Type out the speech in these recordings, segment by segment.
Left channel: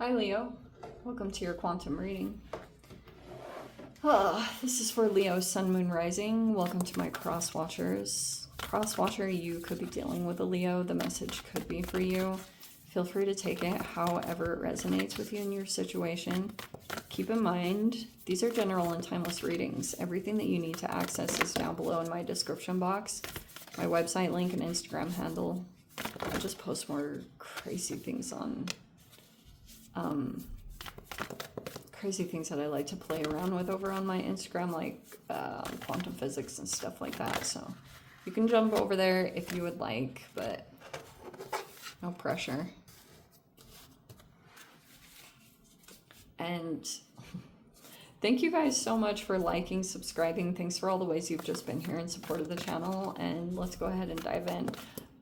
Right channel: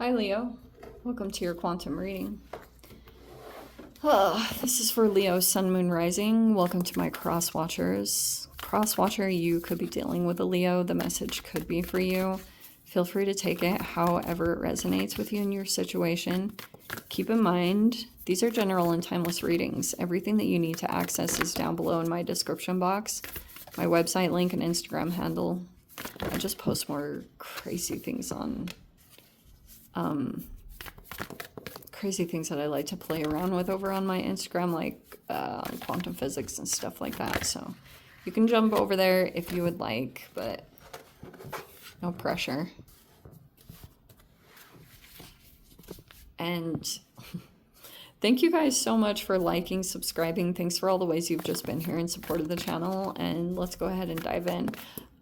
Hi Leo, welcome to your quantum reading. This is for Leo Sun Moon Rising. Welcome to my cross watchers. Cross watcher, you could be dealing with a Leo. The message could be for you. Feel free to take it however it resonates with you in your situation. Keep in mind, these are general and timeless readings. Everything that you need to access is down below in my description box. My website link and Instagram handle. I just post more crazy things on crazy things that I like to play around with over on my Instagram, like quantum physics and stuff like that. So you can jump over there if you would like, but no pressure. And thank you guys so much for liking, subscribing. Thanks for all the ways you've just been here in support of the channel. And let's go ahead and dive in.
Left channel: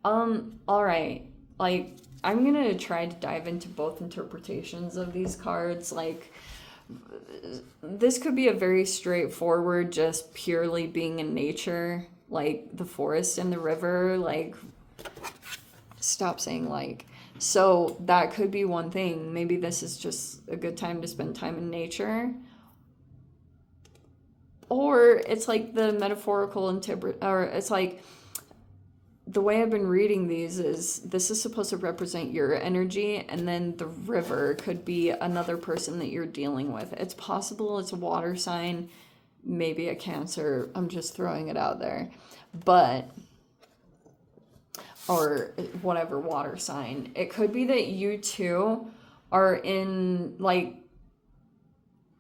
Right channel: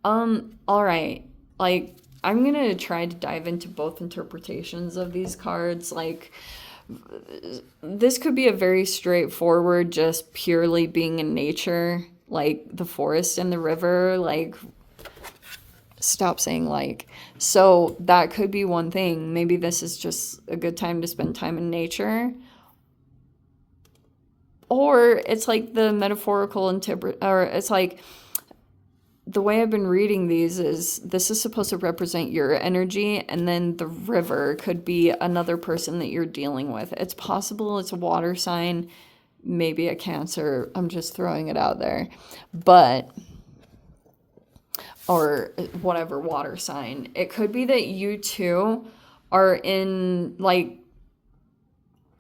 All right, like I'm gonna try to dive into both interpretations of these cards. Like, this could be a very straightforward, just purely being in nature, like the forest and the river. Like, stop saying like. So that could be one thing. Maybe this is just a good time to spend time in nature. Or it's like the metaphorical or it's like, the way I've been reading these is this is supposed to represent your energy, and then the river could be another person that you're dealing with. It's possible it's a water sign, maybe a Cancer. I'm just throwing it out there. But, or whatever water sign. It could be that you two are in, like,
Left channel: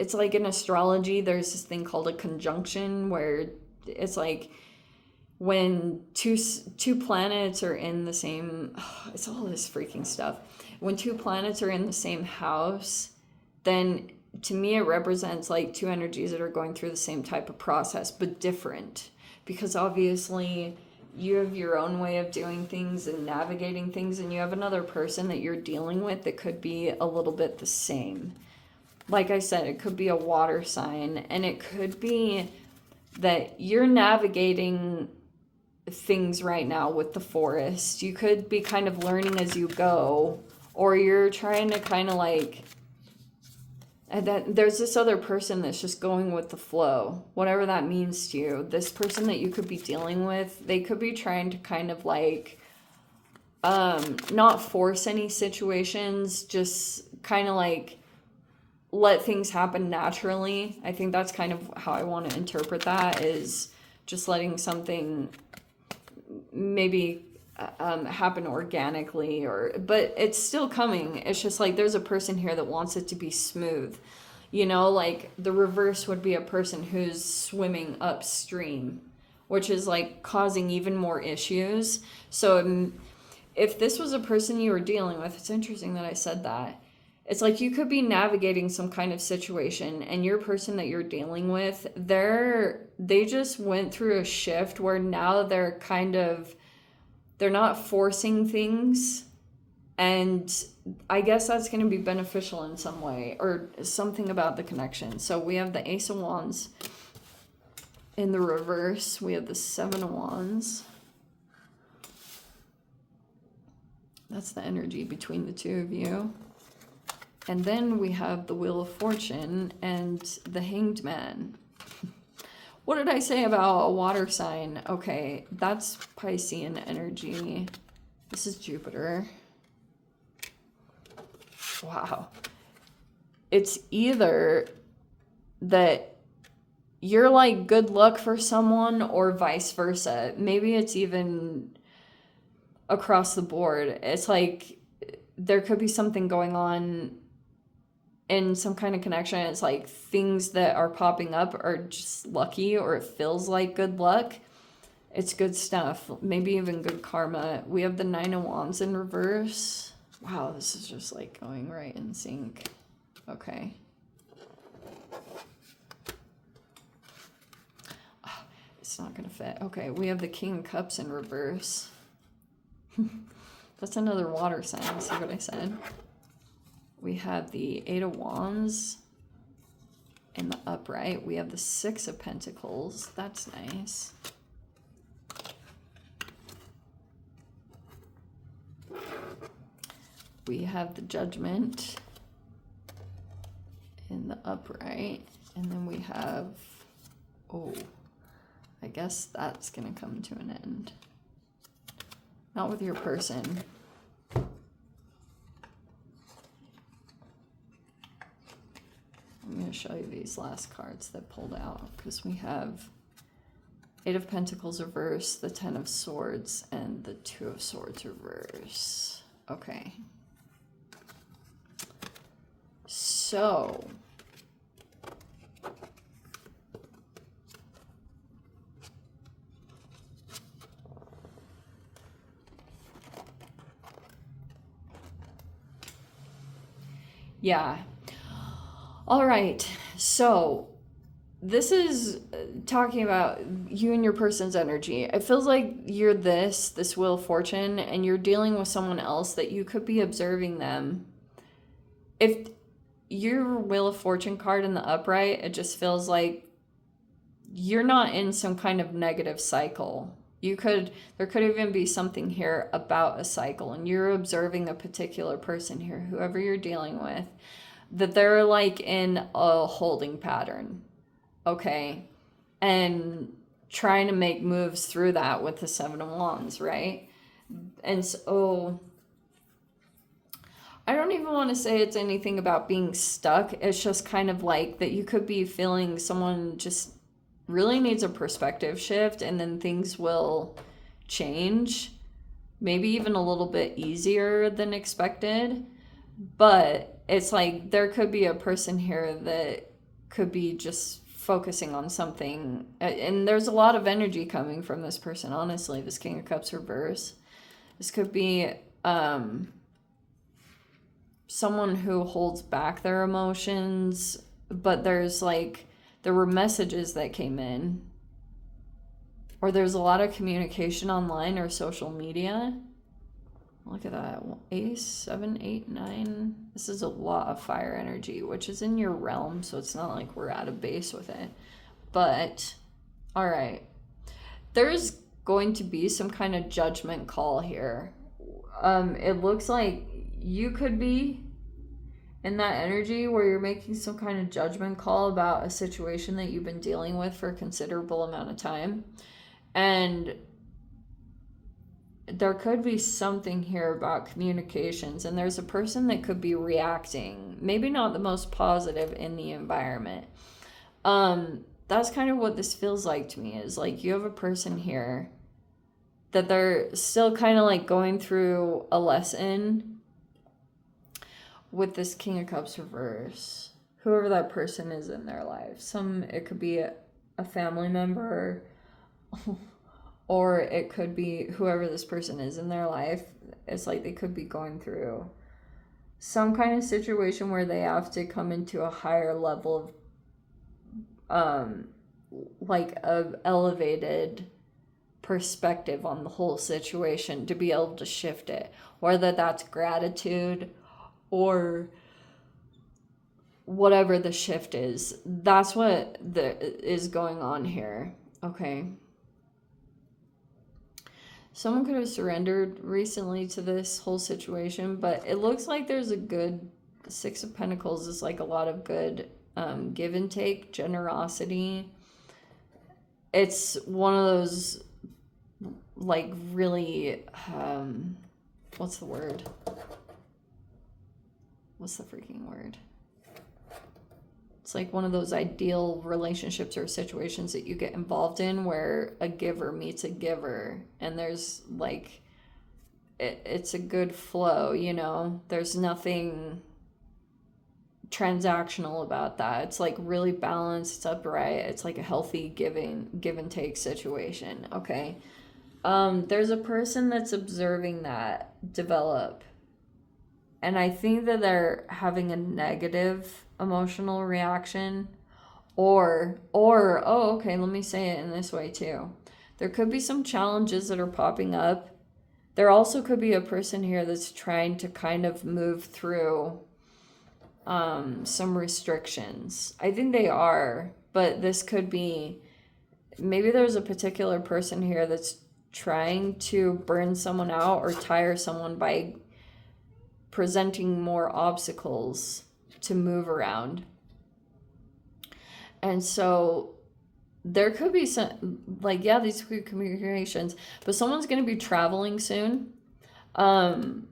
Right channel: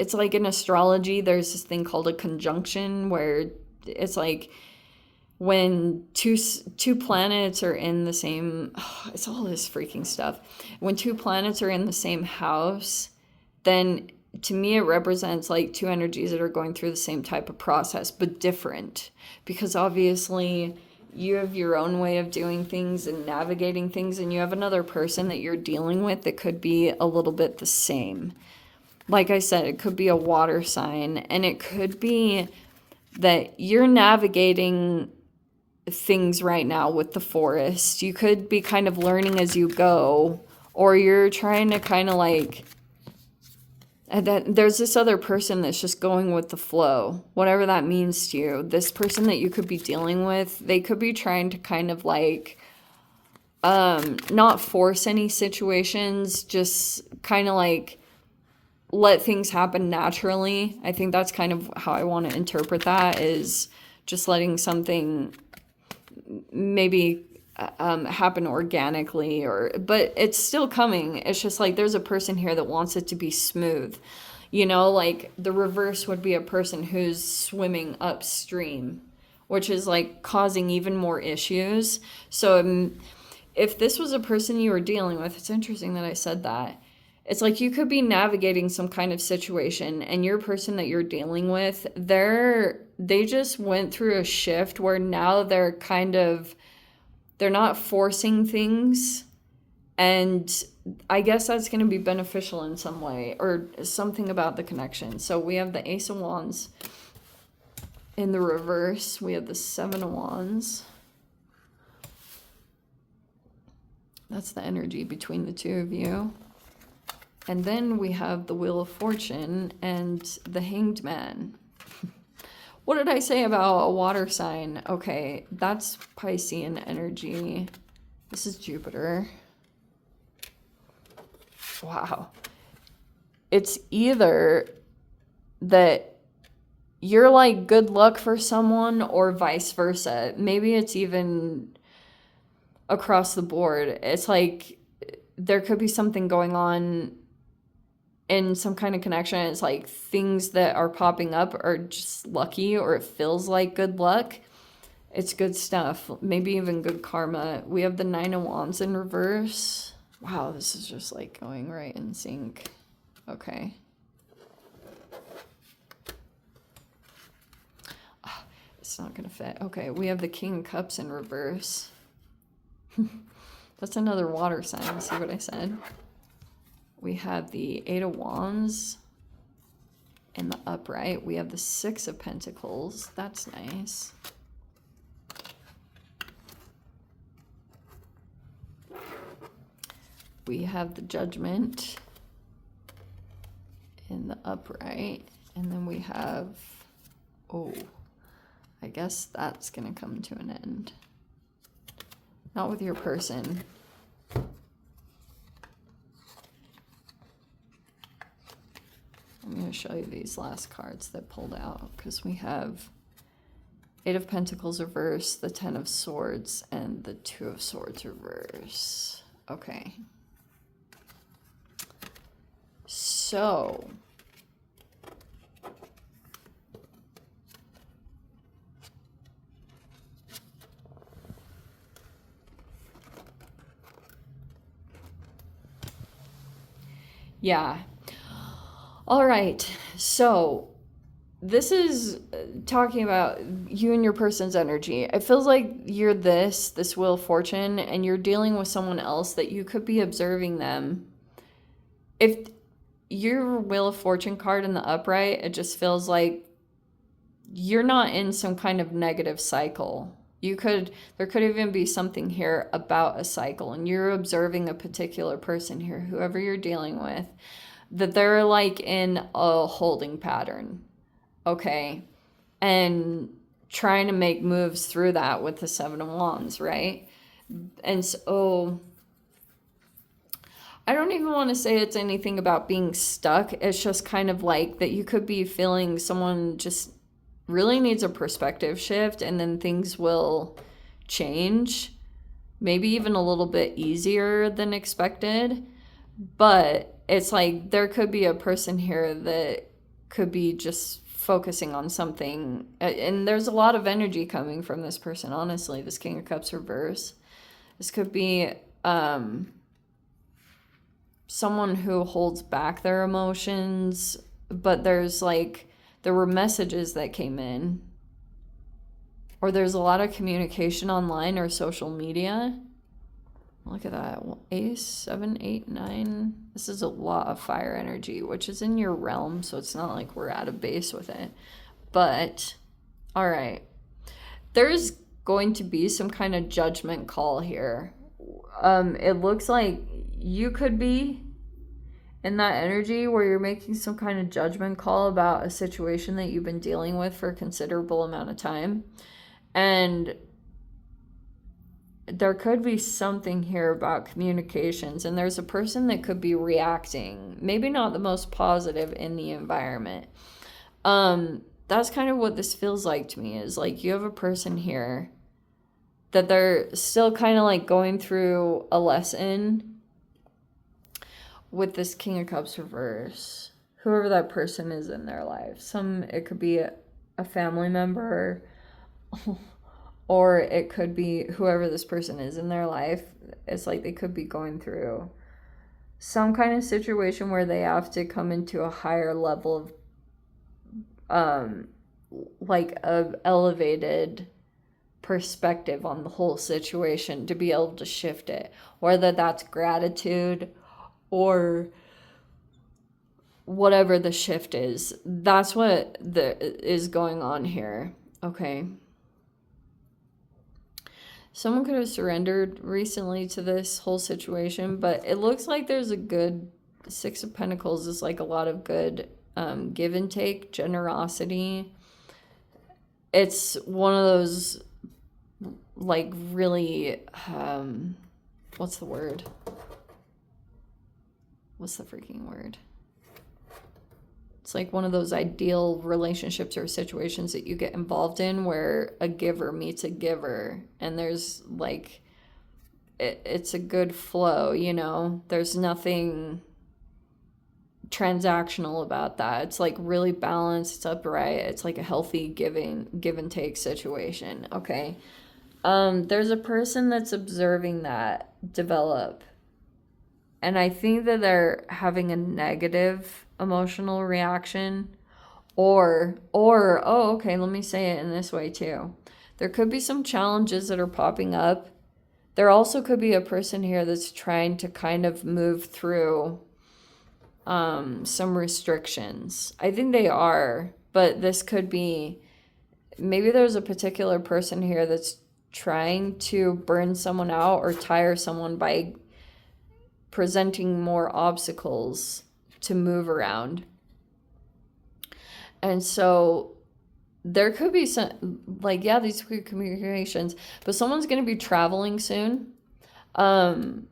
it's like in astrology, there's this thing called a conjunction where it's like, when two planets are in the same, it's all this freaking stuff. When two planets are in the same house, then to me it represents like two energies that are going through the same type of process, but different. Because obviously you have your own way of doing things and navigating things, and you have another person that you're dealing with that could be a little bit the same. Like I said, it could be a water sign, and it could be that you're navigating things right now with the forest. You could be kind of learning as you go, or you're trying to kind of like, and then there's this other person that's just going with the flow, whatever that means to you. This person that you could be dealing with, they could be trying to kind of like not force any situations, just kind of like let things happen naturally. I think that's kind of how I want to interpret that, is just letting something maybe happen organically, but it's still coming. It's just like there's a person here that wants it to be smooth, you know. Like the reverse would be a person who's swimming upstream, which is like causing even more issues. So if this was a person you were dealing with, it's interesting that I said that. It's like you could be navigating some kind of situation, and your person that you're dealing with, they just went through a shift where now they're not forcing things. And I guess that's going to be beneficial in some way, or something about the connection. So we have the Ace of Wands in the reverse. We have the Seven of Wands. That's the energy between the two of you. And then we have the Wheel of Fortune and the Hanged Man. What did I say about a water sign? Okay, that's Piscean energy. This is Jupiter. Wow. It's either that you're like good luck for someone, or vice versa. Maybe it's even across the board. It's like there could be something going on in some kind of connection. It's like things that are popping up are just lucky, or it feels like good luck. It's good stuff. Maybe even good karma. We have the Nine of Wands in reverse. Wow, this is just like going right in sync. Okay. Oh, it's not gonna fit. Okay, we have the King of Cups in reverse. That's another water sign. See what I said? We have the Eight of Wands in the upright. We have the Six of Pentacles. That's nice. We have the Judgment in the upright. And then we have, oh, I guess that's going to come to an end. Not with your person. I'm going to show you these last cards that pulled out, because we have Eight of Pentacles reverse, the Ten of Swords, and the Two of Swords reverse. Okay. So, yeah. All right. So, this is talking about you and your person's energy. It feels like you're this Wheel of Fortune, and you're dealing with someone else that you could be observing them. If your Wheel of Fortune card in the upright, it just feels like you're not in some kind of negative cycle. There could even be something here about a cycle, and you're observing a particular person here, whoever you're dealing with, that they're like in a holding pattern. Okay, and trying to make moves through that with the Seven of Wands, right? And so I don't even want to say it's anything about being stuck. It's just kind of like that you could be feeling someone just really needs a perspective shift, and then things will change, maybe even a little bit easier than expected. But it's like there could be a person here that could be just focusing on something, and there's a lot of energy coming from this person, honestly. This King of Cups reverse, this could be someone who holds back their emotions, but there were messages that came in, or there's a lot of communication online or social media. Look at that. Ace, 7, 8, 9. This is a lot of fire energy, which is in your realm, so it's not like we're out of base with it. But, all right. There's going to be some kind of judgment call here. It looks like you could be in that energy where you're making some kind of judgment call about a situation that you've been dealing with for a considerable amount of time. And there could be something here about communications, and there's a person that could be reacting, maybe not the most positive in the environment. That's kind of what this feels like to me, is like you have a person here that they're still kind of like going through a lesson with this King of Cups reverse, whoever that person is in their life. It could be a family member, or it could be whoever this person is in their life. It's like they could be going through some kind of situation where they have to come into a higher level of like an elevated perspective on the whole situation to be able to shift it, whether that's gratitude or whatever the shift is. That's what is going on here. Okay. Someone could have surrendered recently to this whole situation, but it looks like there's a good Six of Pentacles is like a lot of good give and take, generosity. It's one of those like really, what's the word? What's the freaking word? It's like one of those ideal relationships or situations that you get involved in where a giver meets a giver, and there's like, it's a good flow, you know? There's nothing transactional about that. It's like really balanced, it's upright, it's like a healthy give and take situation, okay? There's a person that's observing that develop, and I think that they're having a negative emotional reaction, or oh, okay, let me say it in this way too. There could be some challenges that are popping up. There also could be a person here that's trying to kind of move through some restrictions. I think they are, but this could be, maybe there's a particular person here that's trying to burn someone out or tire someone by presenting more obstacles to move around. And so there could be some, like, yeah, these could communications, but someone's going to be traveling soon. Um,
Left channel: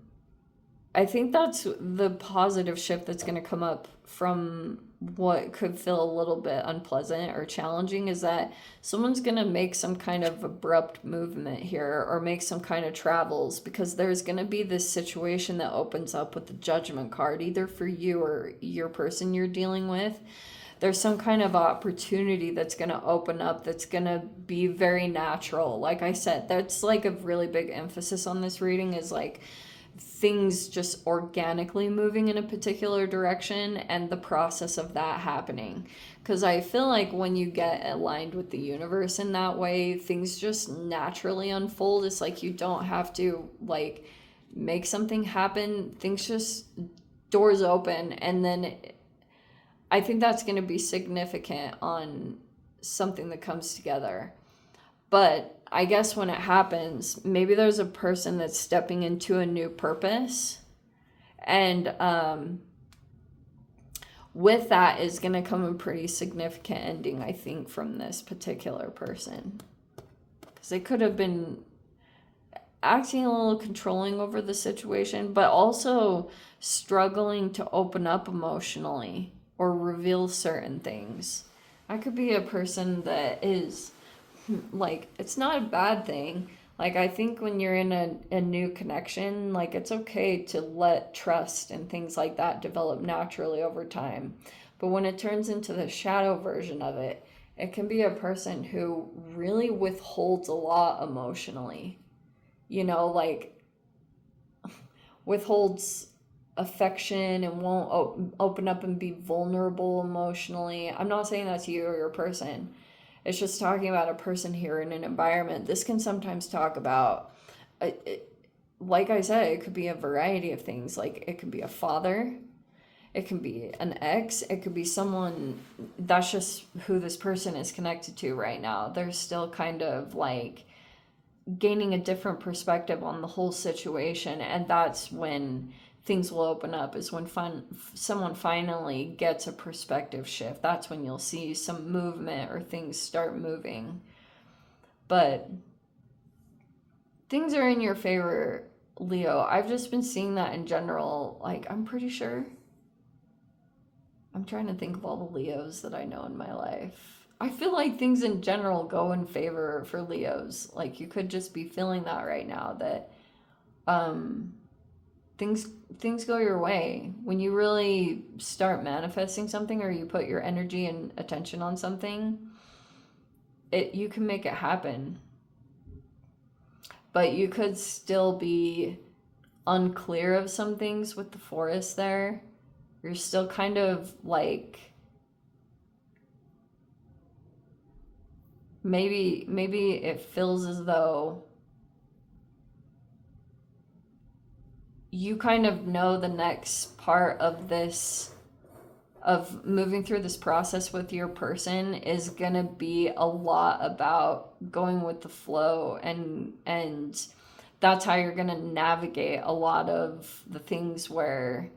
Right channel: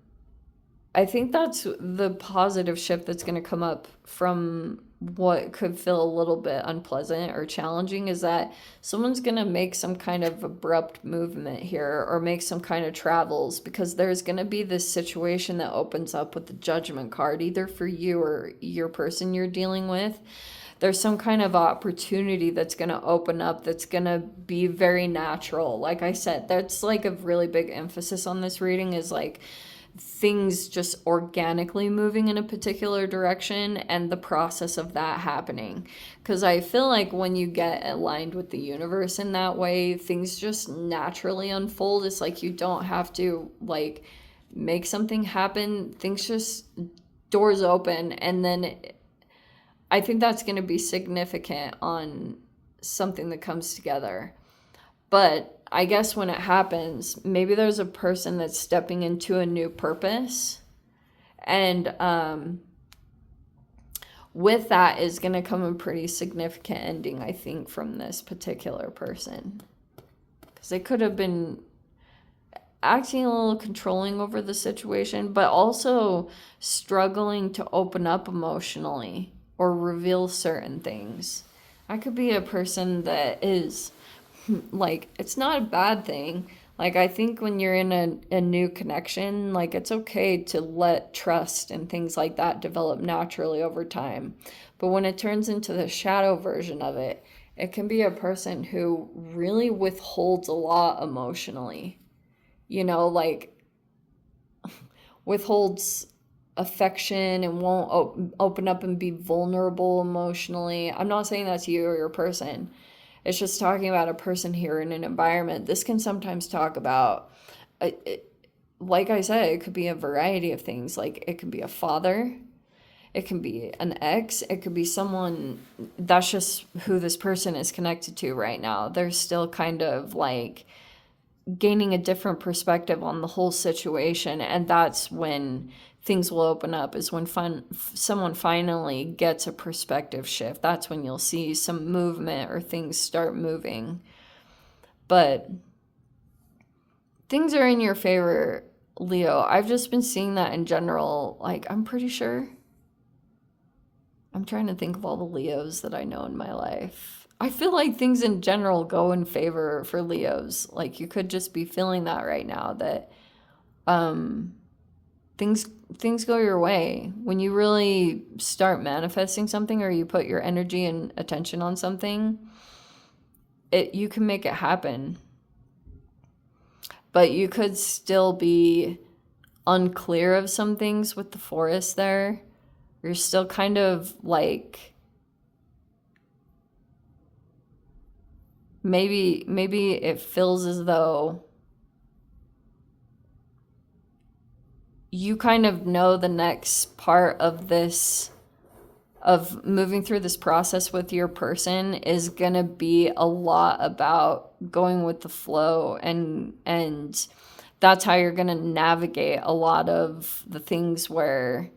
I think that's the positive shift that's going to come up from what could feel a little bit unpleasant or challenging, is that someone's going to make some kind of abrupt movement here or make some kind of travels, because there's going to be this situation that opens up with the Judgment card, either for you or your person you're dealing with. There's some kind of opportunity that's going to open up that's going to be very natural. Like I said, that's like a really big emphasis on this reading, is like things just organically moving in a particular direction and the process of that happening. Because I feel like when you get aligned with the universe in that way, things just naturally unfold. It's like you don't have to like make something happen. Things just, doors open, and then I think that's going to be significant on something that comes together. But I guess when it happens, maybe there's a person that's stepping into a new purpose. And with that is going to come a pretty significant ending, I think, from this particular person. Because they could have been acting a little controlling over the situation, but also struggling to open up emotionally or reveal certain things. I could be a person that is like, it's not a bad thing. Like, I think when you're in a new connection, like, it's okay to let trust and things like that develop naturally over time. But when it turns into the shadow version of it, it can be a person who really withholds a lot emotionally. You know, like, withholds affection and won't open up and be vulnerable emotionally. I'm not saying that's you or your person. It's just talking about a person here in an environment. This can sometimes talk about, like I said, it could be a variety of things. Like, it could be a father, it can be an ex, it could be someone that's just who this person is connected to right now. They're still kind of like gaining a different perspective on the whole situation, and that's when things will open up, is when someone finally gets a perspective shift. That's when you'll see some movement or things start moving. But things are in your favor, Leo. I've just been seeing that in general. Like, I'm pretty sure. I'm trying to think of all the Leos that I know in my life. I feel like things in general go in favor for Leos. Like, you could just be feeling that right now, that things go your way when you really start manifesting something, or you put your energy and attention on something. You can make it happen, but you could still be unclear of some things with the forest there. You're still kind of like, maybe it feels as though you kind of know the next part of this, of moving through this process with your person, is gonna be a lot about going with the flow, and that's how you're gonna navigate a lot of the things where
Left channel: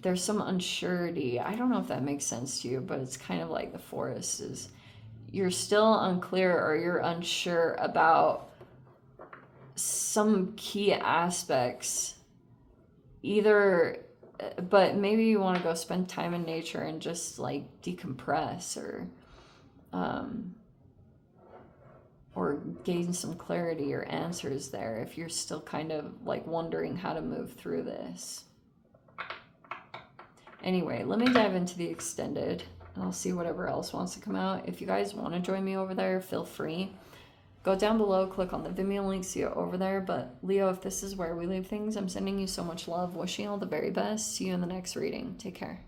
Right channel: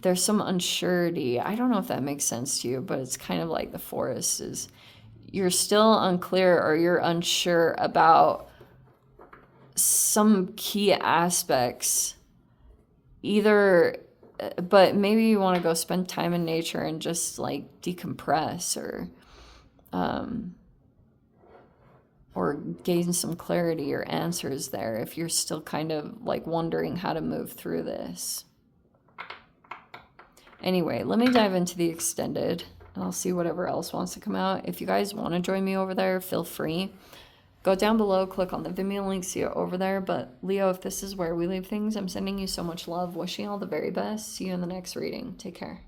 there's some unsurety. I don't know if that makes sense to you, but it's kind of like the forest is, you're still unclear or you're unsure about some key aspects, either, but maybe you want to go spend time in nature and just like decompress, or gain some clarity or answers there if you're still kind of like wondering how to move through this. Anyway, let me dive into the extended. I'll see whatever else wants to come out. If you guys want to join me over there, feel free. Go down below, click on the Vimeo link, see it over there. But Leo, if this is where we leave things, I'm sending you so much love, wishing you all the very best. See you in the next reading. Take care.